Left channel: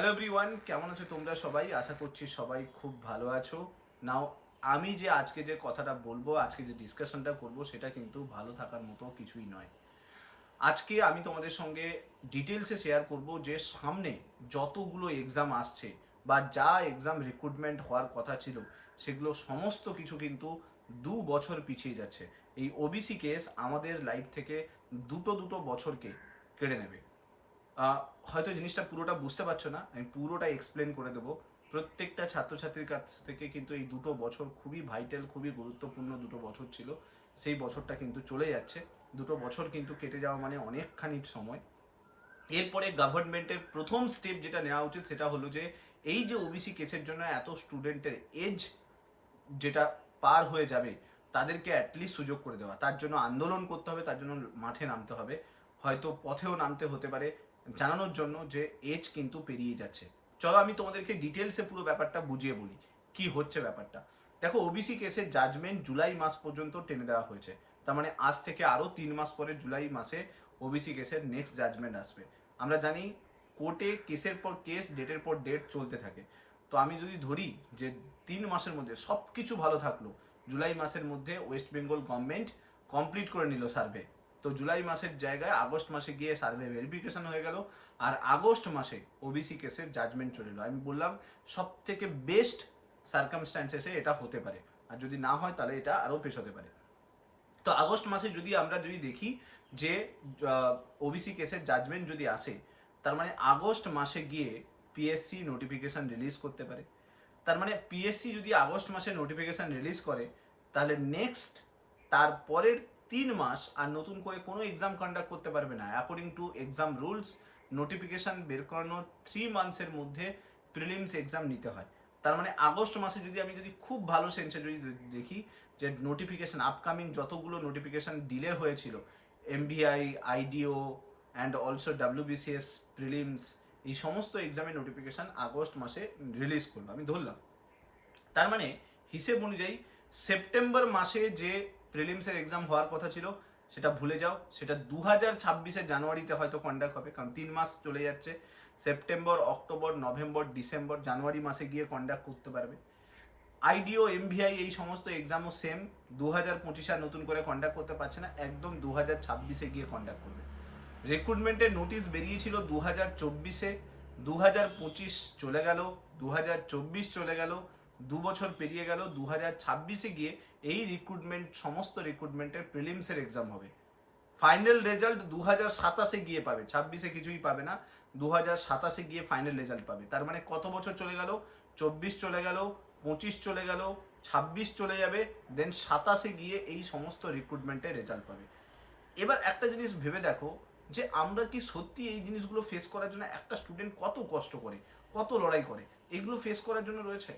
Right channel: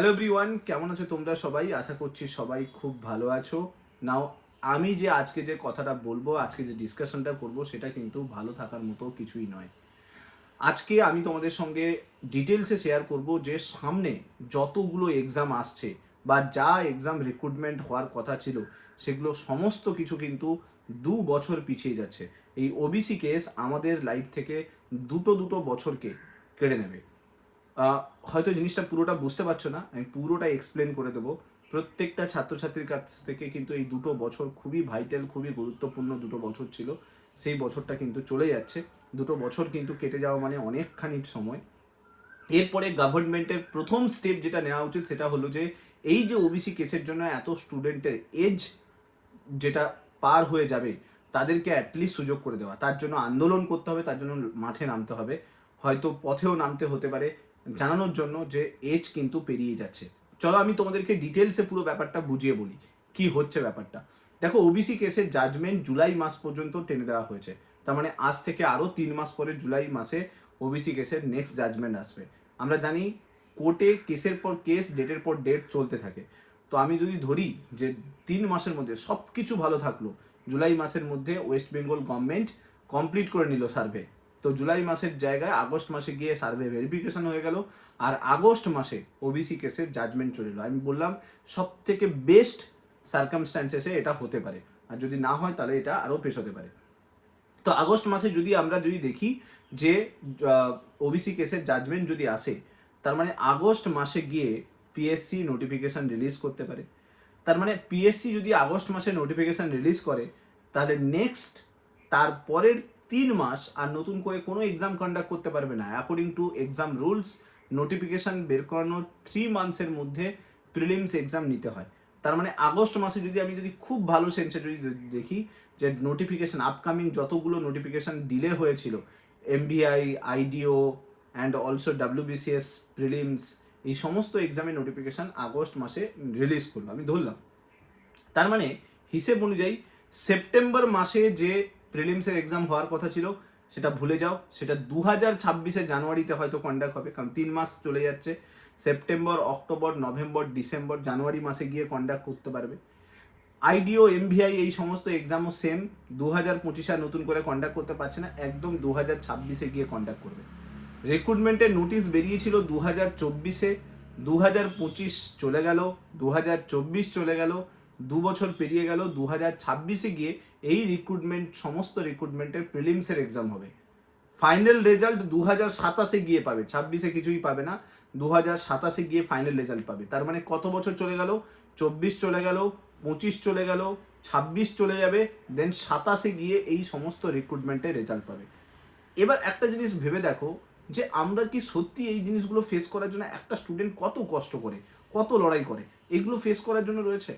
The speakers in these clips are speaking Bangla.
হ্যালো এভরিওয়ান, কেমন আছো তোমরা সবাই? আশা করছি সবাই খুব ভালো আছো। নাও আমি যে আজকে যে কথাটা বলবো, আজকে যে ডিসকাশনটা করব, সেটা কিন্তু ভালো থাকার মতো কিছুই নয়। আজকে আমি তোমাদের সঙ্গে ডিটেলসে শেয়ার করব যে সামনে যতগুলো এক্সাম আসছে বা যা এক্সাম রিক্রুটমেন্ট হওয়ার কথা ছিল, সেগুলো সমস্ত কিছু কিন্তু 2 বছর পিছিয়ে যাচ্ছে। এই ওবিসি কেস আমাদের লাইফ থেকে দুটো দুটো বছরকে কেড়ে নেবে। হয়তো জিনিসটা পুরোটা বুঝতে পারছো না, আমি পুরোটা এক্সপ্লেন করে দেবো। প্রত্যেকটা ছাত্রছাত্রীর কাছ থেকে কিন্তু এই দুটো বছর খুবই ভাইটাল, খুবই গুরুত্বপূর্ণ দুটো বছর ছিল। সেই বছরটা কিন্তু চলে যাচ্ছে। দুটো বছর কিন্তু কেটে যাওয়া মানে অনেকখানি সময়। এরপরে গভর্নমেন্টের প্রথম স্টেপ যেটা নেওয়া উচিত সেটা হলো যে এই যে ওবিসি কেসের জন্য এত স্টুডেন্টের এজ যেটা পার হয়ে যাবে, তাদেরকে অ্যাটলিস্ট সুযোগ করে দেওয়া। তার জন্য আন্দোলন করতে হবে, তার জন্য মাঠে নামতে হবে, হয়তো পথেও নামতে হতে পারে, জানানোর জন্য যে এজ কিন্তু পেরিয়ে যাচ্ছে। চলো আমি তোমাদেরকে ডিটেলসে পুরো ব্যাপারটা বুঝিয়ে বলি কি হচ্ছে ব্যাপারটা। দেখো, ওবিসি কেসের জাজমেন্ট জুলাই মাস পর্যন্ত টেনে দেওয়া হয়েছে। তার মানে আজ থেকে আরও 3 মাস পরে জুলাই মাসে ওবিসি কেসের নেক্সট জাজমেন্ট আসবে। আমরা জানি কোর্টে কেসের পর কেস, ডেটের পর ডেট চলতে থাকে। তো আমি যদি ধরি যে 3 মাসের মধ্যে সব কিছু ভালো থাকলো, জুলাই মাসের মধ্যে ওয়েস্ট বেঙ্গল গভর্নমেন্ট কমপ্লিট করে নিল সার্ভে, তো জুলাই মাসের জায়গায় আগস্ট মাসে গিয়ে সার্ভে ভেরিফিকেশন হয়ে গেল, আর আগস্ট মাসে ওবিসি কেসের জাজমেন্ট চলে এলো। আমি বললাম সব থেকে বেস্ট সার্কামস্ট্যান্সেসে এটা হতে পারে, আর যদি না হয় তাহলে এটা আরও পেশ হতে পারে। তো আগস্ট মাসে আমরা যদি দেখি যে ওবিসি কেসের জাজমেন্ট যদি আসে, তার মানে আগস্ট মাসে গিয়ে পিএসসি নোটিফিকেশন রিলিজ করতে পারে। তার মানে পিএসসি যদি আগস্ট মাসে নোটিফিকেশন রিলিজ করে, তাহলে নেক্সট তারপরের 3 মাস আর নতুন করে কোনো এক্সাম কন্ডাক্ট করতে পারবে না। According to exam rules, notification বের করানোর 3 মান্থসের মধ্যে প্রিলিমস এক্সাম নিতে হয়। তার মানে আগস্ট মাসে আমি খুব ভালো সেন্সে যদি দেখি যে নোটিফিকেশন আপকামিং যতগুলো নোটিফিকেশন ডিলে হয়েছিল, MBI, IDEO and also WBCS prelims, এই সমস্ত এক্সামের নোটিফিকেশান আগস্ট মাসে রিলিজ করলো, আমি ধরলাম। তার মানে হিসেব অনুযায়ী সেপ্টেম্বর মাসে যে প্রিলিমসের এক্সাম হওয়ার কথা ছিল সেটা ভুলে যাও, সেটা 2026 জানুয়ারিতে হয়তো কন্ডাক্ট হবে, কারণ 3 মাস চলে যাচ্ছে। সেপ্টেম্বর, অক্টোবর, নভেম্বর, ডিসেম্বর, জানুয়ারি মাসে গিয়ে কন্ডাক্ট করতে পারবে। আইডিও, এমভিআই এই সমস্ত এক্সামও সেম 2025 আর নতুন করে কন্ডাক্ট করতে পারছে না, একদম 2026 গিয়ে কন্ডাক্ট করবে। রিক্রুটমেন্টের নোটিশ বেরিয়েছিল 2024, 2025 চলে গেল, 2024 চলে গেল, 2 বছর পেরিয়ে গেল, 2026 গিয়ে এই রিক্রুটমেন্ট, সমস্ত রিক্রুটমেন্টের প্রিলিমসের এক্সাম হবে। ফাইনাল রেজাল্ট 2027 গিয়ে পাবে, 26 কিছুই পাবে না, 2027 গিয়ে ফাইনাল রেজাল্ট পাবে। তার মানে কত বছর চলে গেল? 24 চলে গেল, 25 চলে গেল, 26 চলে যাবে, দেন 27 গিয়ে এই সমস্ত রিক্রুটমেন্টের রেজাল্ট পাবে। এবার একটা জিনিস ভেবে দেখো যে আমরা কি সত্যি এই জিনিসগুলো ফেস করার জন্য একটা স্টুডেন্ট কত কষ্ট করে, কত লড়াই করে এগুলো ফেস করার জন্য রয়েছে।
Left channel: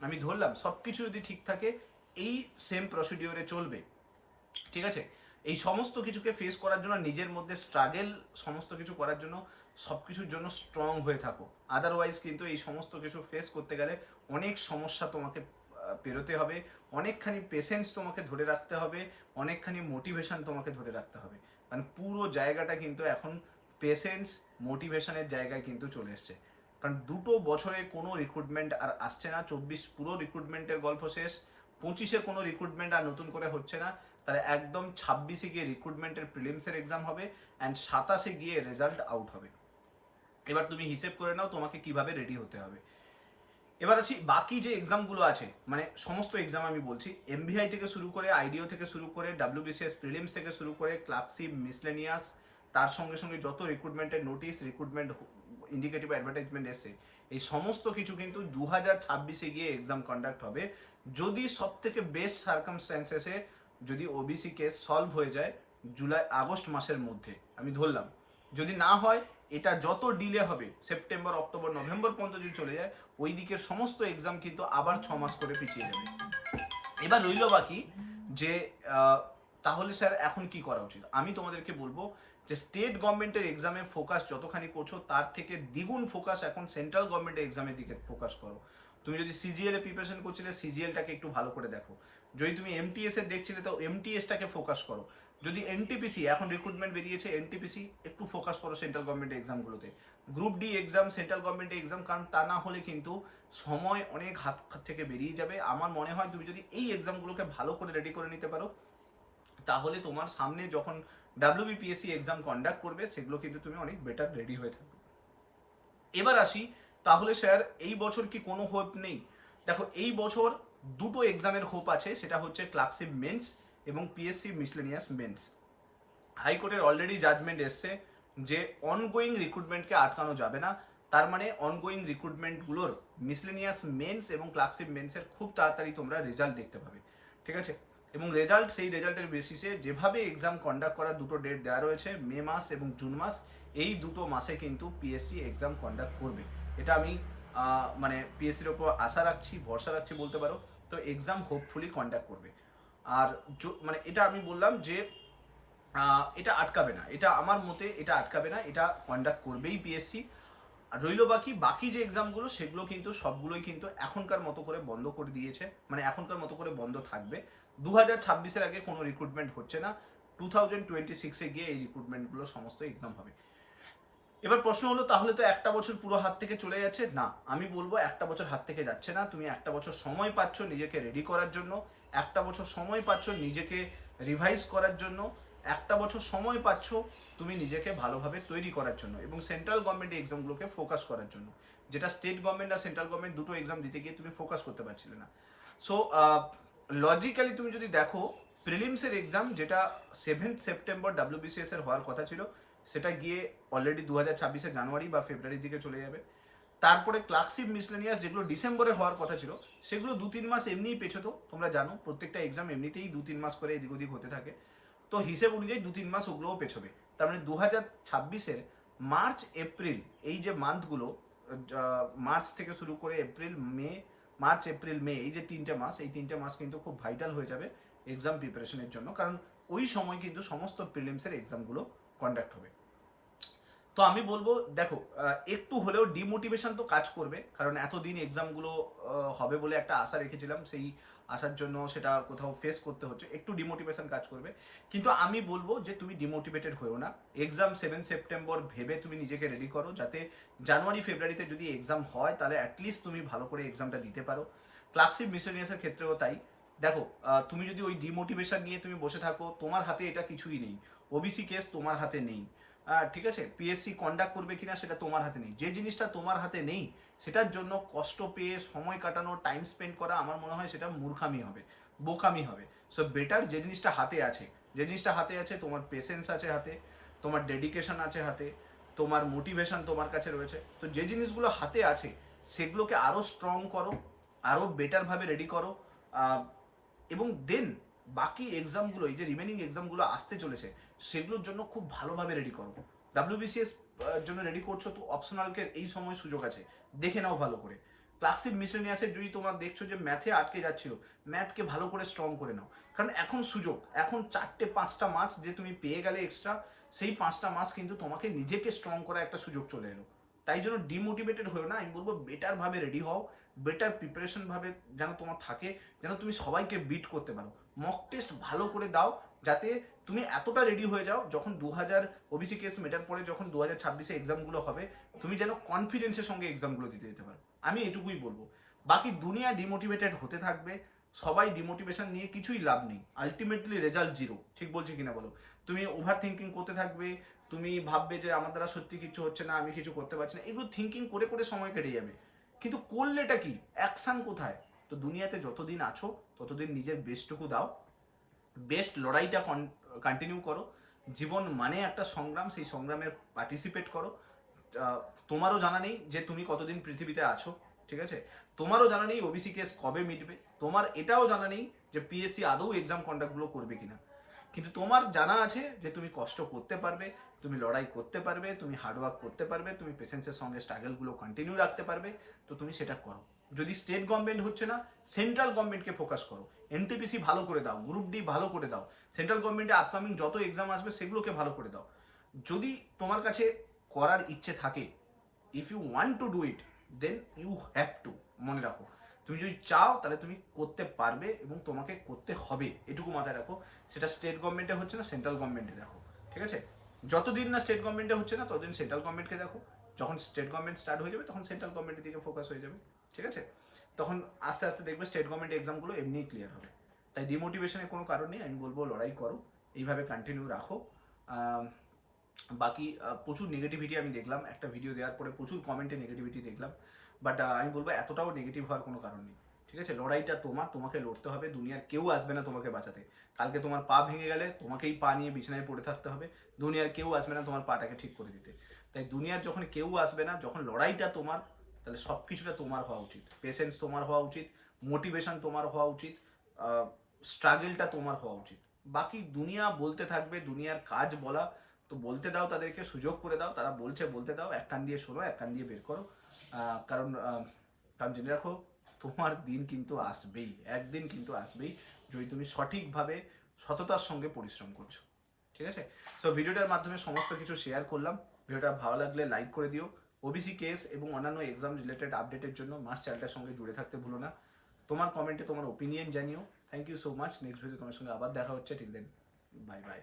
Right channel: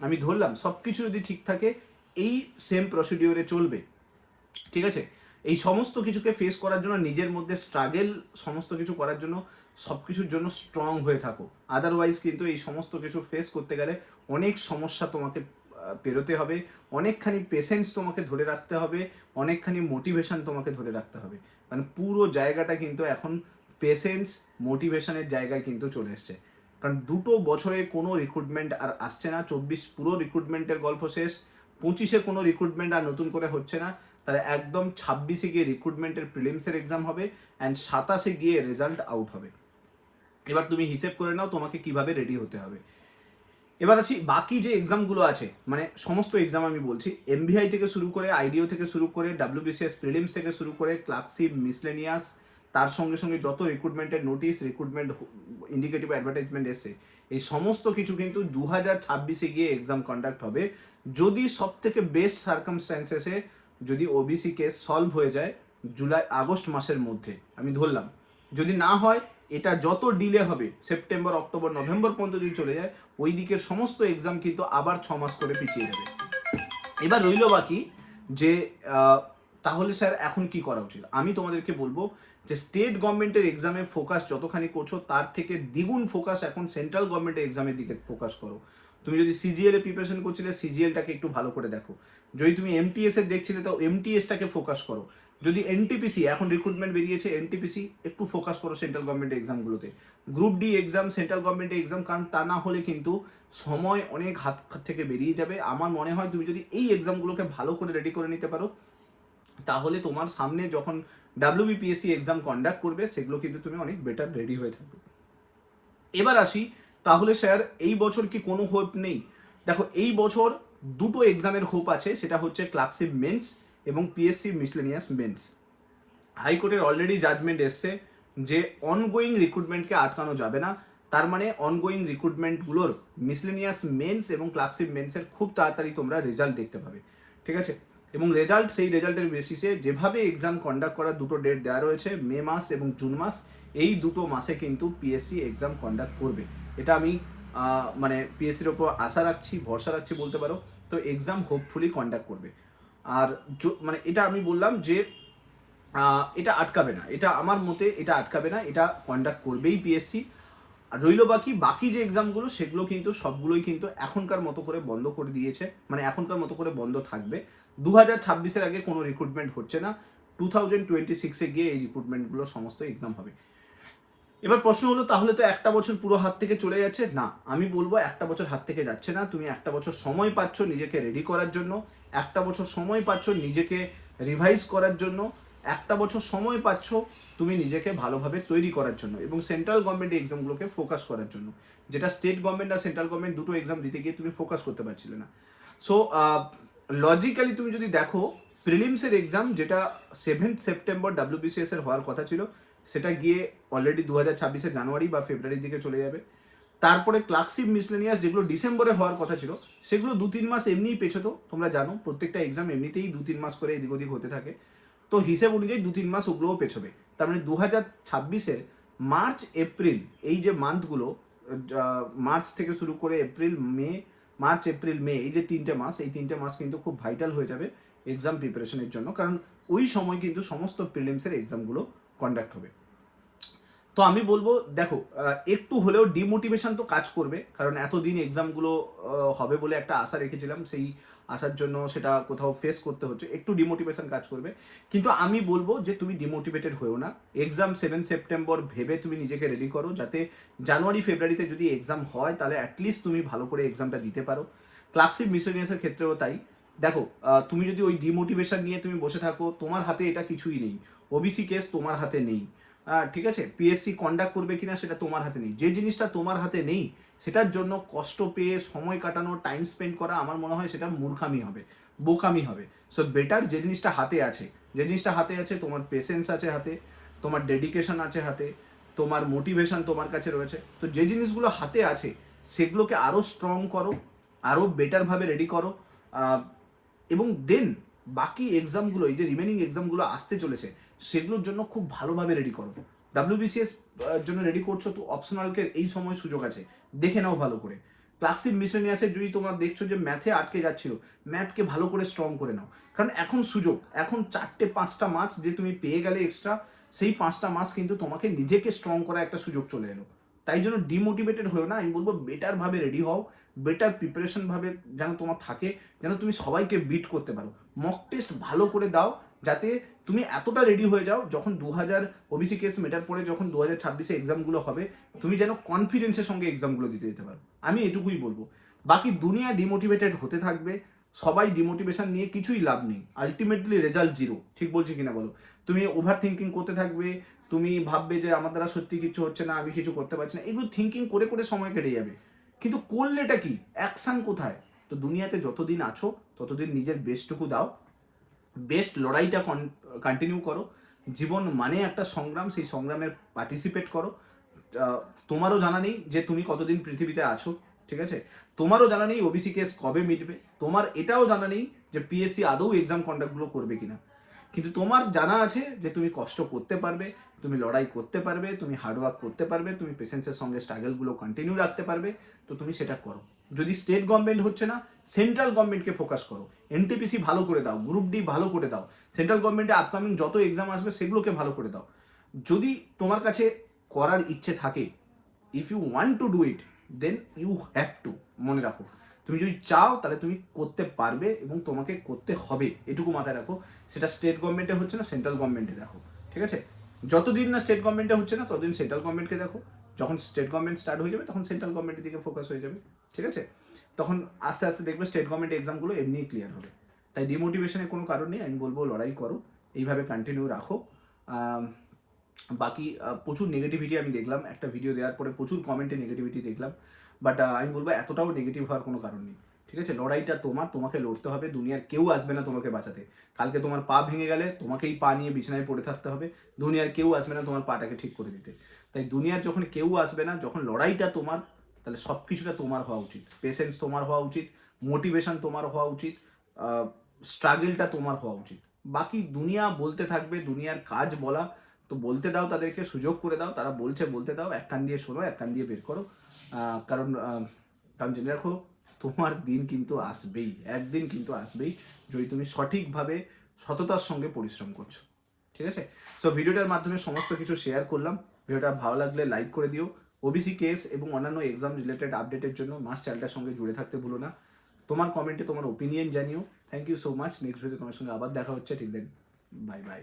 আমি ধরলাম সব কিছু যদি ঠিক থাকে, এই সেম প্রসিডিওরে চলবে, ঠিক আছে? এই সমস্ত কিছুকে ফেস করার জন্য নিজের মধ্যে স্ট্রাগেল, সমস্ত কিছু করার জন্য সব কিছুর জন্য স্ট্রং হয়ে থাকো। আদারওয়াইজ কিন্তু এই সমস্ত কিছু ফেস করতে গেলে অনেক সমস্যা তোমাকে পেরোতে হবে, অনেকখানি পেশেন্স তোমাকে ধরে রাখতে হবে, অনেকখানি মোটিভেশন তোমাকে ধরে রাখতে হবে। মানে পুরো জায়গাটা কিন্তু এখন পেশেন্স, মোটিভেশনের জায়গায় কিন্তু চলে এসছে। কারণ 2 বছরে কোনো রিক্রুটমেন্ট আর আসছে না, 24 পুরো রিক্রুটমেন্টের গল্প শেষ, 25-এ কোনো রিক্রুটমেন্ট আর নতুন করে হচ্ছে না, তাহলে একদম 26-এ গিয়ে রিক্রুটমেন্টের প্রিলিমসের এক্সাম হবে অ্যান্ড 27-এ গিয়ে রেজাল্ট আউট হবে। এবার তুমি হিসেব করে নাও তোমাকে কিভাবে রেডি হতে হবে। এবার আছি বাকি যে এক্সামগুলো আছে, মানে সমস্ত এক্সাম আমি বলছি, এমভিআই থেকে শুরু করে, আইডিও থেকে শুরু করে, ডাব্লিউবিসিএস প্রিলিমস থেকে শুরু করে, ক্লার্কশিপ, মিসলেনিয়াস, তার সঙ্গে সঙ্গে যত রিক্রুটমেন্টের নোটিশ, রিক্রুটমেন্ট ইন্ডিকেটিভ অ্যাডভার্টাইজমেন্ট এসছে, এই সমস্ত কিছু কিন্তু 2026-এ গিয়ে এক্সাম কন্ডাক্ট হবে। যদি সব থেকে বেস্ট সার্কামস্ট্যান্সেসে যদি ওবিসি কেস সলভ হয়ে যায় আগস্ট মাসের মধ্যে, আমি ধরলাম, যদি না হয় এটা যত ডিলে হবে, সেপ্টেম্বর, অক্টোবর, নভেম্বর পর্যন্ত যদি চলে যায়, ওই দিকের সমস্ত এক্সাম কিন্তু আবার 6 মাস করে পিছিয়ে যাবে। এবার রইল বাকি যে তাহলে স্যার এখন কি করা উচিত। আমি তোমাদেরকে বলবো যে স্টেট গভর্নমেন্টের এক্সামে ফোকাস যতখানি করছো তার থেকে দ্বিগুণ ফোকাস এখন সেন্ট্রাল গভর্নমেন্টের এক্সামের দিকে ফোকাস করো। তুমি যদি সিজিএল এ প্রিপারেশন করছিলে, সিজিএলটাকে একটু ভালো করে দেখো। যদি তুমি এমটিএস এর দেখছিলে, তো এমটিএসটাকে ফোকাস করো। যদি এনটিপিসি, এখন রিক্রুটমেন্ট বেরিয়েছে এনটিপিসি, একটু ফোকাস করো সেন্ট্রাল গভর্নমেন্ট এক্সামগুলোতে, group D exam, central government exam, কারণ তা না হলে কিন্তু সময় অনেক হাত থেকে বেরিয়ে যাবে। আমার মনে হয় তুমি যদি এই এক্সামগুলোকে ভালো করে রেডি করে নিতে পারো, তাহলে তোমার সামনে যখন ডাব্লিউবিপিএসসি এক্সাম কন্ডাক্ট করবে সেগুলো কিন্তু তুমি অনেক বেটার রেডি হয়ে থাকবে। এবার আসি, তাহলে স্যার এই বছর কি কোনো হোপ নেই? দেখো, এই বছর দুটো এক্সামের হোপ আছে, সেটা হচ্ছে ক্লার্কশিপ মেন্স এবং পিএসসি মিসলেনিয়াস মেন্স। হাইকোর্টের অলরেডি জাজমেন্ট এসছে যে অনগোয়িং রিক্রুটমেন্টকে আটকানো যাবে না, তার মানে অনগোয়িং রিক্রুটমেন্টগুলোর মিসলেনিয়াস মেন্স এবং ক্লার্কশিপ মেন্সের খুব তাড়াতাড়ি তোমরা রেজাল্ট দেখতে পাবে, ঠিক আছে? এবং রেজাল্ট, সেই রেজাল্টের বেসিসে যেভাবে এক্সাম কন্ডাক্ট করার দুটো ডেট দেওয়া রয়েছে, মে মাস এবং জুন মাস, এই দুটো মাসে কিন্তু পিএসসি এক্সাম কন্ডাক্ট করবে। এটা আমি মানে পিএসসির ওপর আশা রাখছি, ভরসা রাখছি বলতে পারো। তো এক্সাম হোপফুলি কন্ডাক্ট করবে। আর মানে এটা আমি বললাম যে এটা আটকাবে না, এটা আমার মতে এটা আটকাবে না, এটা কন্ডাক্ট করবেই পিএসসি। আর রইল বাকি যে এক্সামগুলো, সেগুলো কিন্তু সবগুলোই কিন্তু এখনকার মতো করে বন্ধ করে দিয়েছে, মানে এখনকার মতো করে বন্ধ থাকবে। 2026-এর আগে কোনো রিক্রুটমেন্ট হচ্ছে না, 2026-এ গিয়ে এই রিক্রুটমেন্টগুলো সমস্ত এক্সাম হবে। এবার প্রশ্ন হলো, তাহলে তো একটা বছর পুরো হাত থেকে চলে যাচ্ছে। না, আমি বলবো একটা বছর হাত থেকে যাচ্ছে না। তুমি একটা বছর সময় পাচ্ছ নিজেকে রেডি করার জন্য, একটা বছর সময় পাচ্ছ নিজেকে রিভাইজ করার জন্য, একটা বছর সময় পাচ্ছ তুমি নিজেকে ভালোভাবে তৈরি করার জন্য এবং সেন্ট্রাল গভর্নমেন্ট এক্সামগুলোকে ফোকাস করার জন্য, যেটা স্টেট গভর্নমেন্ট আর সেন্ট্রাল গভর্নমেন্ট দুটো এক্সাম দিতে গিয়ে তুমি ফোকাস করতে পারছিলে না। সো লজিক্যালি তুমি যদি দেখো, প্রিলিমসের এক্সাম যেটা 7 সেপ্টেম্বর ডাব্লিউবিসিএস এর হওয়ার কথা ছিল, সেটা গিয়ে অলরেডি 2026-এর জানুয়ারি বা ফেব্রুয়ারির দিকে চলে যাবে। তারপরে ক্লার্কশিপ মিসলেনিয়াস যেগুলো ডিসেম্বরে হওয়ার কথা ছিল, সেগুলো 2-3 মাস এমনিই পেছোতো। তোমরা জানো প্রত্যেকটা এক্সাম এমনিতেই 2-3 মাস করে এদিক ওদিক হতে থাকে, তো হিসেব অনুযায়ী 2-3 মাস ওগুলোও পেছোবে। তার মানে 2026-এর মার্চ এপ্রিল, এই যে মান্থগুলো, মার্চ থেকে শুরু করে April May, March April May, এই যে 3টে মাস, এই 3টে মাস কিন্তু খুব ভাইটাল হয়ে যাবে এক্সাম প্রিপারেশনের জন্য, কারণ ওই সময় কিন্তু সমস্ত প্রিলিমসের এক্সামগুলো কন্ডাক্ট হবে। তো আমি বলবো, দেখো একটু হলেও ডিমোটিভেশন তো কাজ করবে, কারণ এতদিন এক্সামগুলো হবে বলে একটা আশা রেখেছিলাম, সেই আসার জন্য সেটা কোথাও ফেস করতে হচ্ছে, একটু ডিমোটিভেশন কাজ করবে। কিন্তু আমি বলবো যে তুমি ডিমোটিভেটেড হয়েও না, এক্সাম 7 সেপ্টেম্বর ভেবে তুমি নিজেকে রেডি করো, যাতে জানুয়ারি ফেব্রুয়ারিতে যদি এক্সাম হয় তাহলে অ্যাটলিস্ট তুমি ভালো করে এক্সামটা দিতে পারো। ক্লার্কশিপ মিসলেনিয়াসের ক্ষেত্রেও তাই। দেখো, তুমি যদি ওই ডিমোটিভেশন নিয়ে তুমি বসে থাকো, তোমার হাতে এটা কিছুই নেই, ওবিসি কেস তোমার হাতে নেই, ঠিক আছে? পিএসসি কন্ডাক্ট করবে কিনা সেটা তোমার হাতে নেই। যে জিনিসটা তোমার হাতে নেই সেটার জন্য কষ্ট পেয়ে সময় কাটানো, টাইম স্পেন্ড করা, আমার মনে হয় সেটা মূর্খামি হবে, বোকামি হবে। সো বেটার যে জিনিসটা হাতে আছে, যে জিনিসটা হাতে আছে, তোমার পেশেন্স আছে হাতে, তোমার ডেডিকেশন আছে হাতে, তোমার মোটিভেশন তোমার কাছে রয়েছে, তো যে জিনিসগুলো হাতে আছে সেগুলোকে আরও স্ট্রং করো, আরও বেটারভাবে রেডি করো, এবং দেন বাকি এক্সামগুলো, এই যে রিমেনিং এক্সামগুলো আসতে চলেছে, সেগুলোর জন্য খুব ভালোভাবে রেডি করো। ডাব্লিউবিসিএস জন্য রেডি করছো তো অপশনালকে এই সময় সুযোগ আছে, দেখে নাও ভালো করে। ক্লার্কশিপ মিসলেনিয়াসের যদি তোমরা দেখছো যে ম্যাথে আটকে যাচ্ছিল, ম্যাথকে ভালো করে স্ট্রং করে নাও, কারণ এখন সুযোগ, এখন 4-5টা মাস যে তুমি পেয়ে গেলে এক্সট্রা, সেই 5টা মাস কিন্তু তোমাকে নিজেকে স্ট্রং করার একটা সুযোগ চলে এলো। তাই জন্য ডিমোটিভেটেড হয়েও না, আমি বলবো বেটারভাবে রেডি হও, বেটার প্রিপারেশন ভাবে যেন তোমার থাকে, যেন তুমি সবাইকে বিট করতে পারো। মক টেস্ট ভালো করে দাও, যাতে তুমি এতটা রেডি হয়ে যাও, যখন 2000 ওবিসি কেস মেটার পরে যখন 2026-এ এক্সামগুলো হবে, তুমি যেন কনফিডেন্সের সঙ্গে এক্সামগুলো দিতে যেতে পারো। আমি এটুকুই বলবো। বাকি দুনিয়া ডিমোটিভেটেড হতে থাকবে, সবাই ডিমোটিভেশন নিয়ে কিছুই লাভ নেই, আলটিমেটলি রেজাল্ট জিরো। ঠিক বলছি কিনা বলো? তুমি ওভার থিঙ্কিং করতে থাকবে, তুমি ভাববে যে আমার দ্বারা সত্যি কিছু হচ্ছে না, আমি কিছু করতে পারছি না, এগুলো থিঙ্কিং করে করে সময় কেটে যাবে, কিন্তু করলেটা কি, অ্যাকশন কোথায়? তো দুনিয়াতে যতদিন আছো ততদিন নিজের বেস্টটুকু দাও, বেস্ট লড়াইটা কন্টিনিউ করো। জীবন মানে একটা সংগ্রাম, সেই সংগ্রামের পার্টিসিপেট করো। তোমারও জানা নেই যে তুমি কতদিন পৃথিবীতে আছো, ঠিক আছে? তোমারও জানা নেই ওবিসি কেস কবে মিটবে, তোমার এটাও জানা নেই যে পিএসসি আদৌ এক্সাম কন্ডাক্টগুলো করবে কিনা, কিন্তু তোমার জানা আছে যে তুমি কষ্ট করতে পারবে, তুমি লড়াই করতে পারবে, তুমি হার্ডওয়ার্ক করতে পারবে, তুমি পেশেন্সের সঙ্গে স্ট্রাগলগুলো কন্টিনিউ রাখতে পারবে, তো তুমি সেটা করো। যদি স্টেট গভর্নমেন্ট হচ্ছে না, সেন্ট্রাল গভর্নমেন্টকে ফোকাস করো, এনটিপিসি ভালো করে দাও, গ্রুপ ডি ভালো করে দাও, সেন্ট্রাল গভর্নমেন্টে আপকামিং যত এক্সাম আসবে সেগুলোকে ভালো করে দাও। যদি তোমার কাছে করার ইচ্ছে থাকে, if you want to do it, then you have to, মনে রাখো। তুমি যদি চাও তাহলে তুমি করতে পারবে এবং তোমাকে করতে হবে, এটুকু মাথায় রাখো। সেটা স্টেট গভর্নমেন্টে হচ্ছে না, সেন্ট্রাল গভর্নমেন্টে দেখো, ঠিক আছে? যতদিন না স্টেট গভর্নমেন্টে হচ্ছে না ততদিন সেন্ট্রাল গভর্নমেন্টকে দেখো। যখন স্টেট গভর্নমেন্ট স্টার্ট হয়ে যাবে তখন সেন্ট্রাল গভর্নমেন্টের দিকে ফোকাস হয়ে যাবে, ঠিক আছে? তখন আস্তে আস্তে দেখবে স্টেট গভর্নমেন্ট এক্সামগুলো এমনিই ক্লিয়ার হবে। তাই ডিমোটিভেশনের কোনো কারণ নেই, আমি বলবো লড়াই করো, এইভাবে কন্টিনিউ রাখো। বাকি প্রচুর নেগেটিভিটি আমি দেখলাম, একটা ভিডিও দেওয়ার পরে প্রচুর কমেন্টে নেগেটিভিটি দেখলাম, বাট আমি বলবো এতটাও নেগেটিভ হওয়ার কোনো কারণ নেই, ঠিক আছে? লড়াইটা তোমার, তোমাকে লড়তে হবে, দুনিয়ার কেউ আসবে না তোমাকে বাঁচাতে। কালকে তোমার পা ভেঙে গেলে তোমাকেই পা নিয়ে বিছানায় পড়ে থাকতে হবে, দুনিয়ার কেউ আসবে না তোমার পাটাকে ঠিক করে দিতে। তাই দুনিয়ার যখন কেউ আসবে না, যখন লড়াইটা তোমার, তাহলে সব কিছুটা তোমার হওয়া উচিত, পেশেন্স তোমার হওয়া উচিত, মোটিভেশন তোমার হওয়া উচিত, স্ট্রাগলটা তোমার হওয়া উচিত। বাকি দুনিয়া বলতে থাকবে, দুনিয়ার কাজ বলা, তো বলতে দাও, তাদেরকে সুযোগ করে দাও, তারা বলছে বলতে দাও, এক কান দিয়ে শোনো, এক কান দিয়ে বের করো। কারণ কারণ জেনে রাখো, তোমার দিন কিন্তু আসবেই, একদিন কিন্তু আসবেই, যদি তুমি সঠিকভাবে সততার সঙ্গে পরিশ্রম করছো, ঠিক আছে? সো ভিডিওটার মাধ্যমে সমস্ত কিছু শেয়ার করলাম। ভিডিওটা ভালো লাগলে লাইক করে দিও। ওবিসি কেস এবং অন্যান্য এক্সাম রিলেটেড আপডেটের জন্য মাস চ্যানেলটার সঙ্গে জুড়ে থাকতে ভুলো না। তোমার কমেন্টে তোমার ওপিনিয়ন জানিও। Thank you so much. Next video তোমার সঙ্গে আবার দেখা হচ্ছে। Till then, bye by.